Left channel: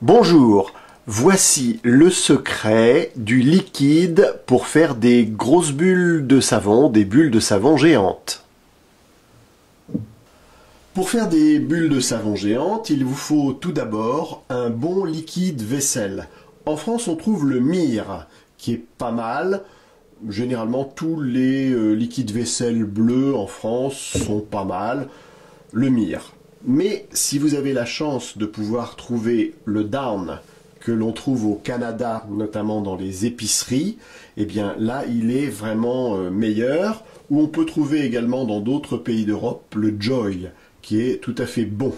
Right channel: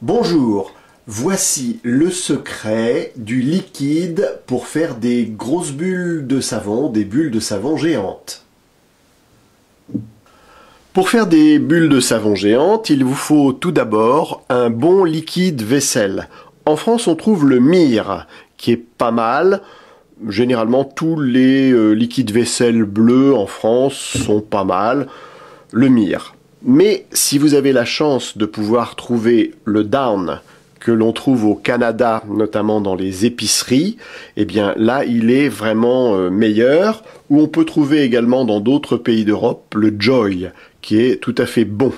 Bonjour, voici le secret du liquide pour faire des grosses bulles de savon, des bulles de savon géantes. Pour faire des bulles de savon géantes, il vous faut tout d'abord un bon liquide vaisselle. En France, on trouve le Mire, qui est pas mal. Généralement, tous les liquides vaisselle bleus en France sont pas mal. Le Mire. Mais si vous avez la chance de pouvoir trouver le Dawn que l'on trouve au Canada, notamment dans les épiceries, eh bien là il est vraiment meilleur. Ou on peut trouver également dans d'autres pays d'Europe le Joy, qui est tout à fait bon.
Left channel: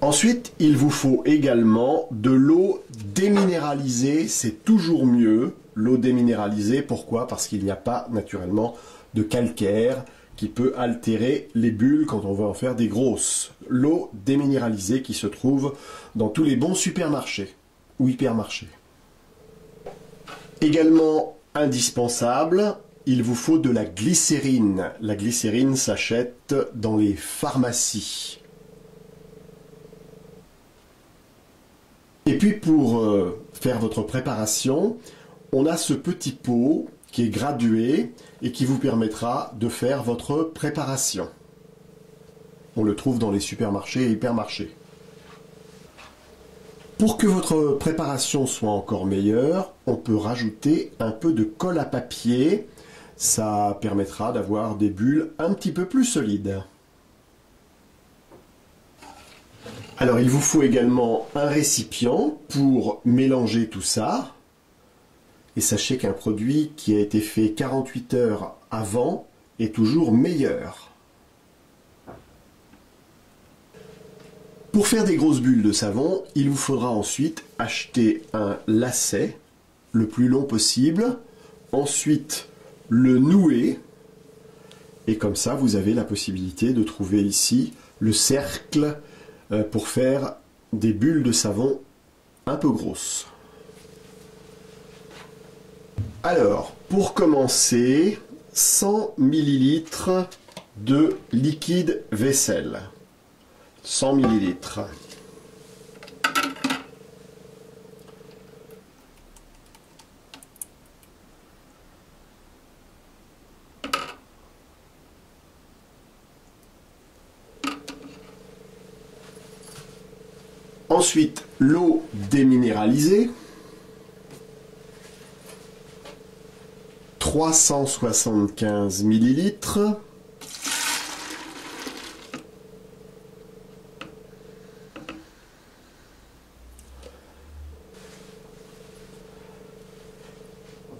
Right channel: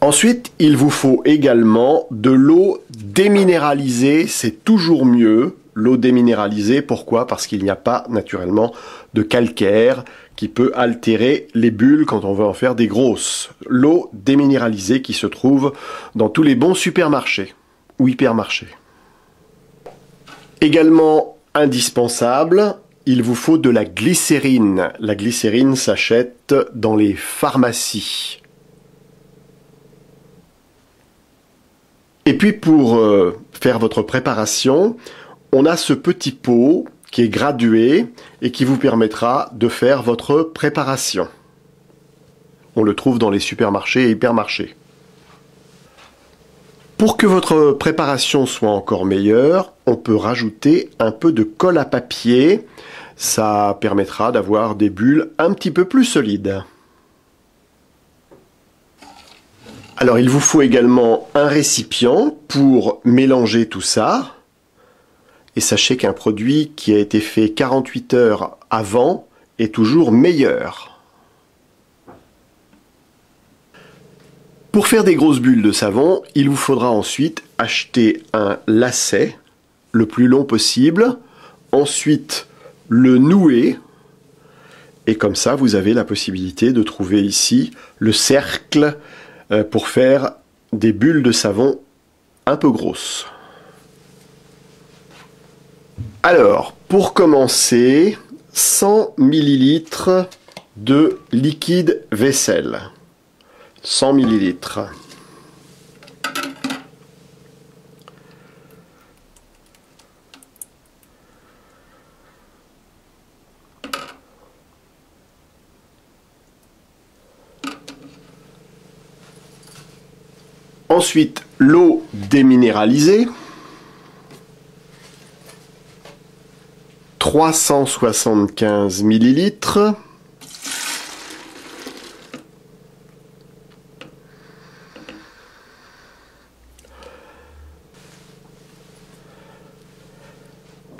Ensuite, il vous faut également de l'eau déminéralisée, c'est toujours mieux. L'eau déminéralisée, pourquoi? Parce qu'il n'y a pas naturellement de calcaire qui peut altérer les bulles quand on veut en faire des grosses. L'eau déminéralisée qui se trouve dans tous les bons supermarchés ou hypermarchés. Également indispensable, il vous faut de la glycérine. La glycérine s'achète dans les pharmacies. Et puis pour faire votre préparation, on a ce petit pot qui est gradué et qui vous permettra de faire votre préparation. On le trouve dans les supermarchés et hypermarchés. Pour que votre préparation soit encore meilleure, on peut rajouter un peu de colle à papier. Ça permettra d'avoir des bulles un petit peu plus solides. Alors il vous faut également un récipient pour mélanger tout ça. Et sachez qu'un produit qui a été fait 48 heures avant est toujours meilleur. Pour faire des grosses bulles de savon, il vous faudra ensuite acheter un lacet le plus long possible, ensuite le nouer, et comme ça vous avez la possibilité de trouver ici le cercle pour faire des bulles de savon un peu grosses. Alors, pour commencer, 100 ml de liquide vaisselle. 100 ml. Ensuite, l'eau déminéralisée. 375 ml.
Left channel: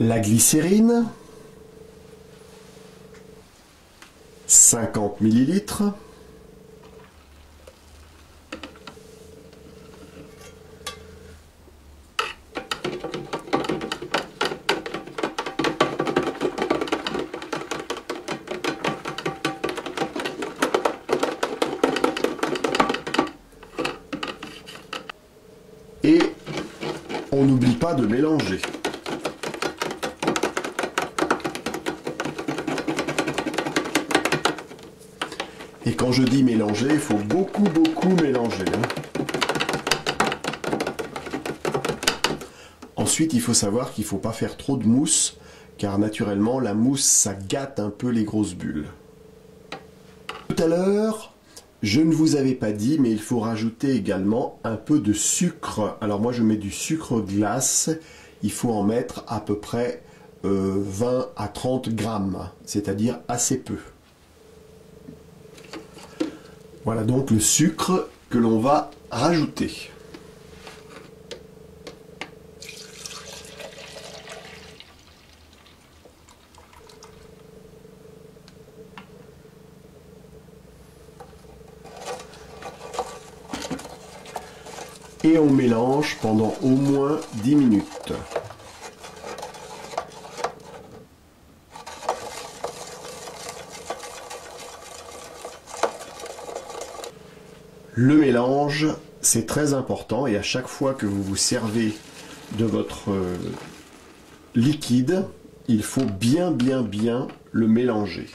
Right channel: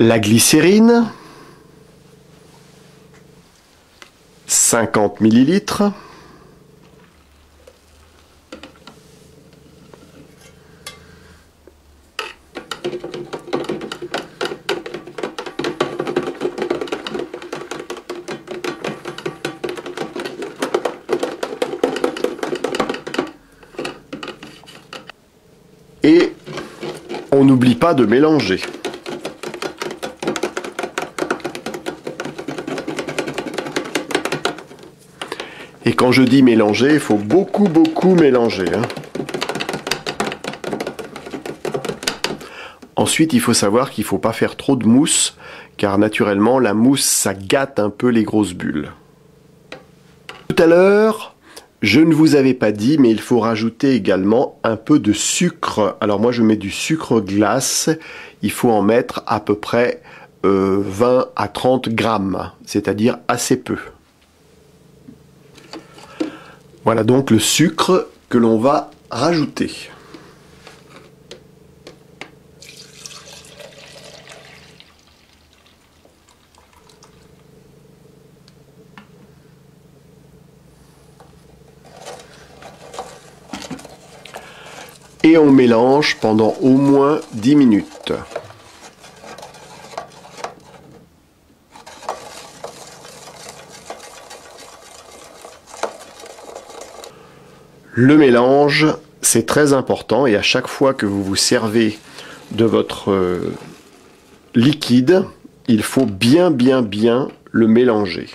La glycérine, 50 ml. Et on n'oublie pas de mélanger. Et quand je dis mélanger, il faut beaucoup mélanger. Ensuite, il faut savoir qu'il ne faut pas faire trop de mousse, car naturellement, la mousse, ça gâte un peu les grosses bulles. Tout à l'heure, je ne vous avais pas dit, mais il faut rajouter également un peu de sucre. Alors moi, je mets du sucre glace. Il faut en mettre à peu près 20 à 30 grammes, c'est-à-dire assez peu. Voilà donc le sucre que l'on va rajouter. Et on mélange pendant au moins 10 minutes. Le mélange, c'est très important et à chaque fois que vous vous servez de votre liquide, il faut bien le mélanger.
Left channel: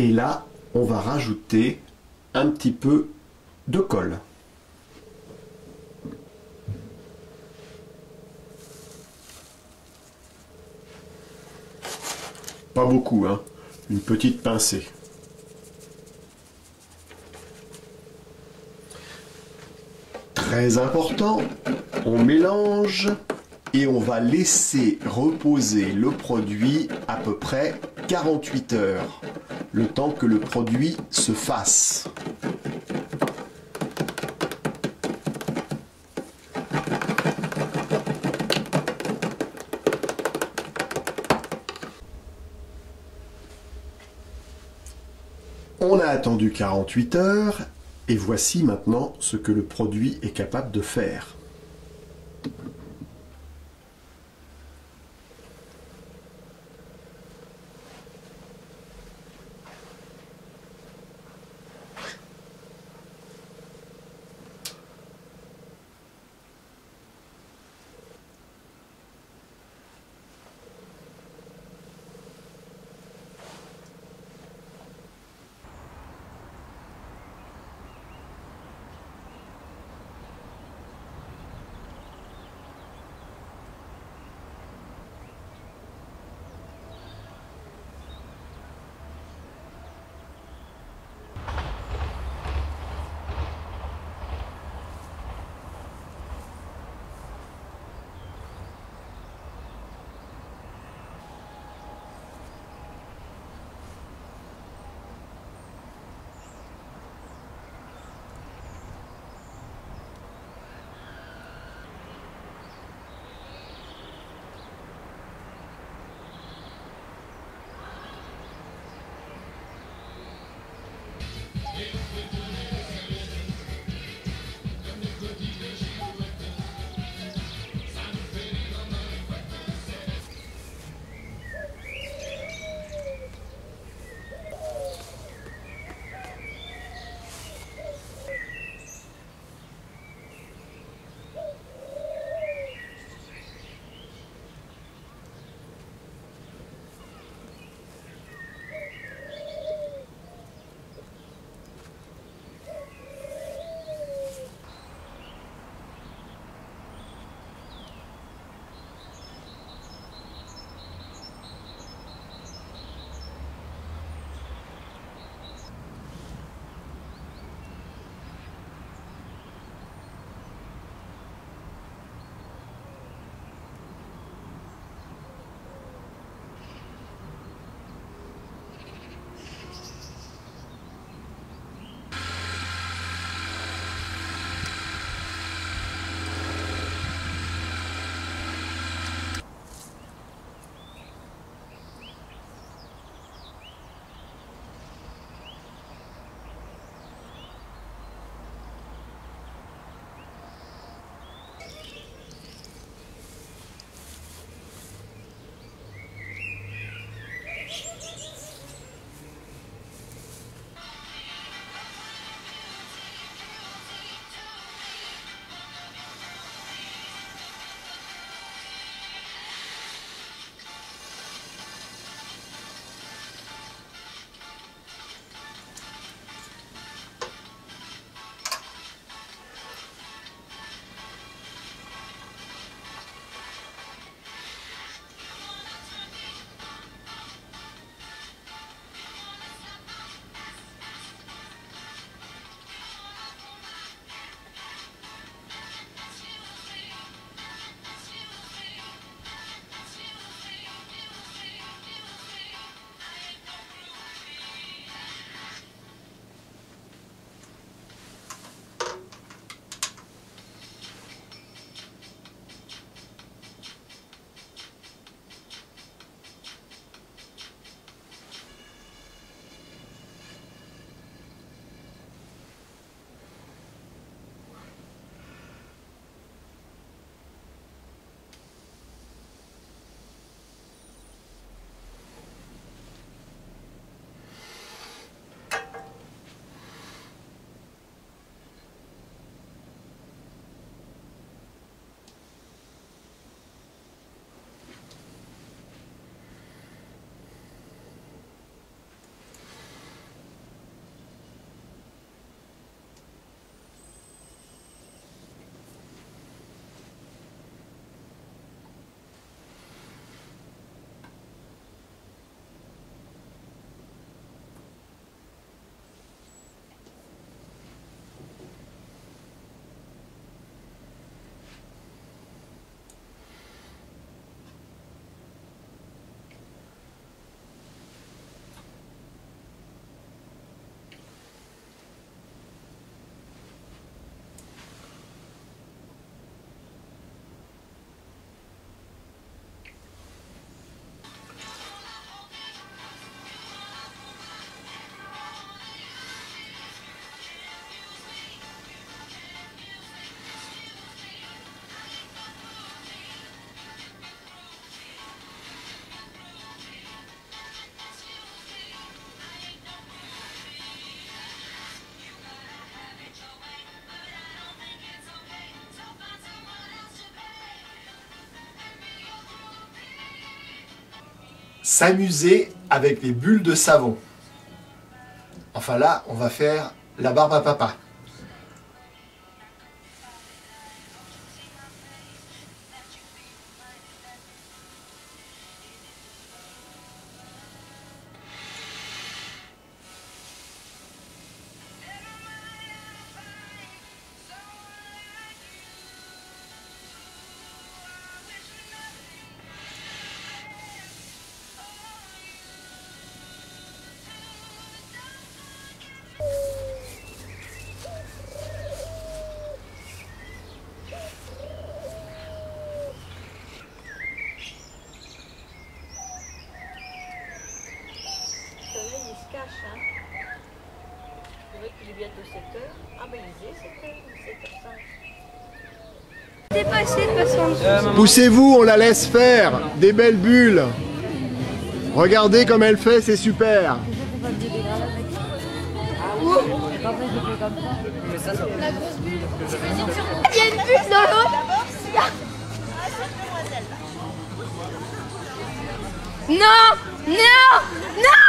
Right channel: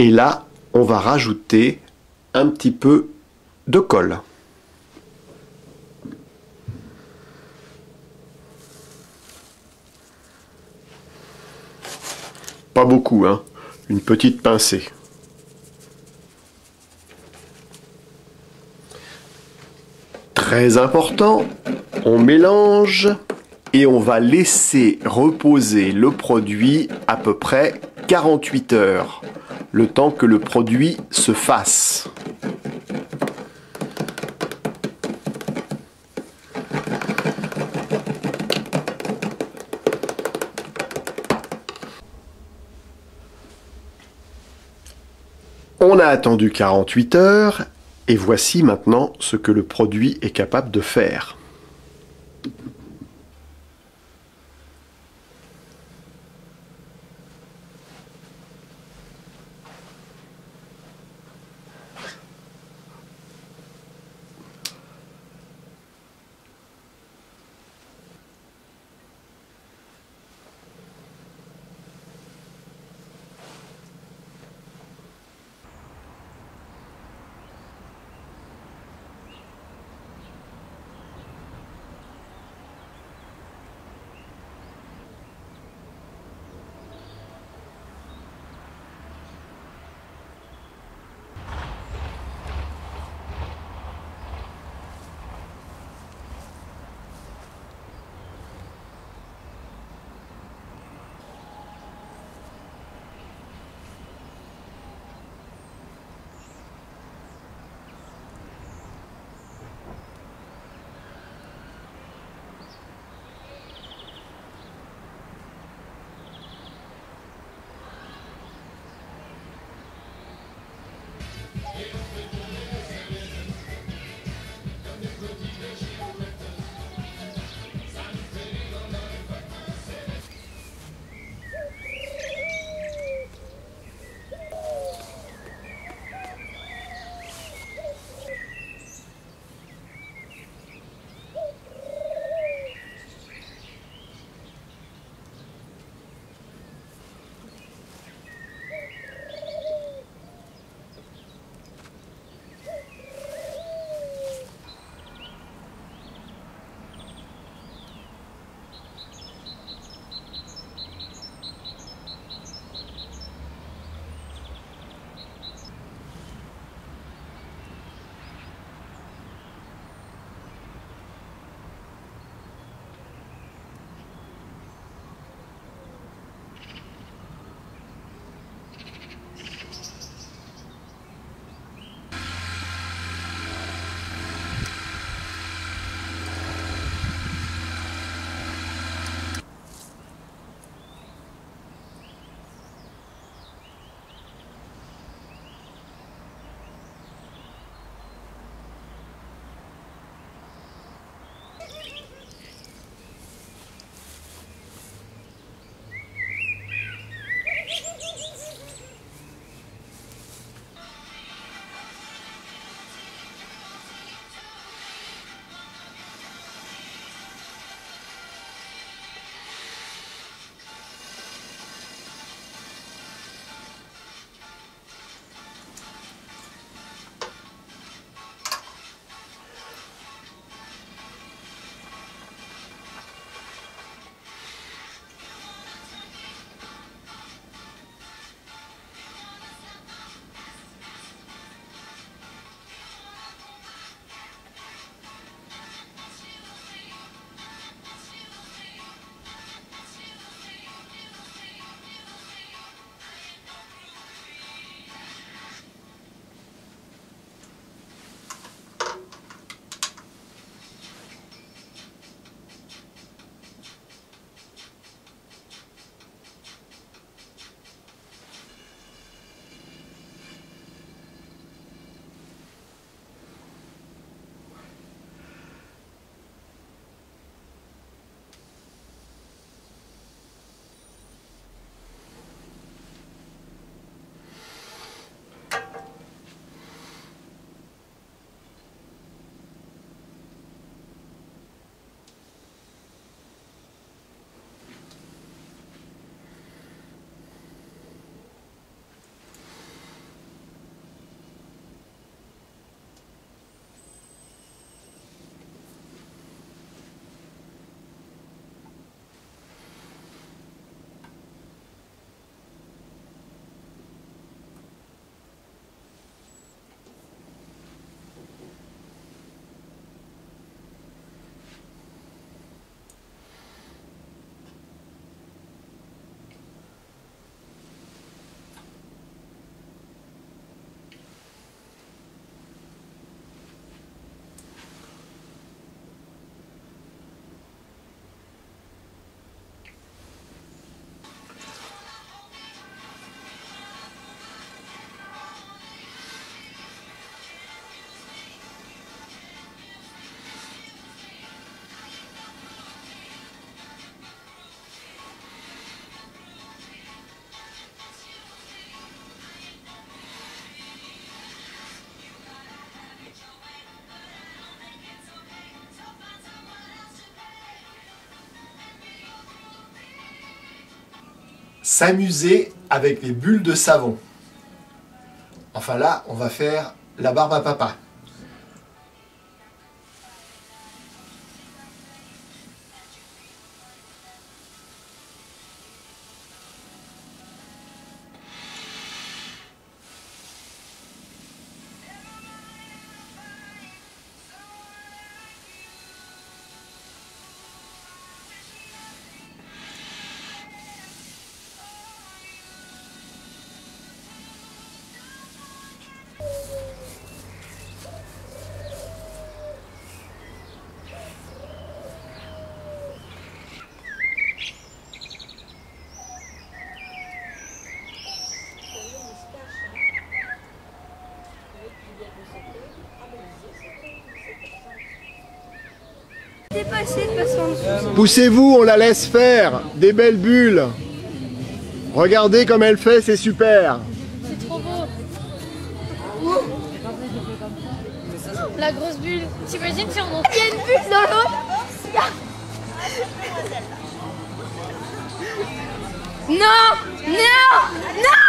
Et là, on va rajouter un petit peu de colle. Pas beaucoup, hein, une petite pincée. Très important, on mélange et on va laisser reposer le produit à peu près 48 heures, le temps que le produit se fasse. On a attendu 48 heures et voici maintenant ce que le produit est capable de faire. s'amuser avec les bulles de savon. Enfin là, on va faire la barbe à papa. Dépassé de façon. Poussez-vous, on la laisse faire. Des belles bulles. Regardez comme elle fait, c'est super. La grosse bulle. T'imagines si on... Il y a une bulle dans l'eau. Non. Non. Non.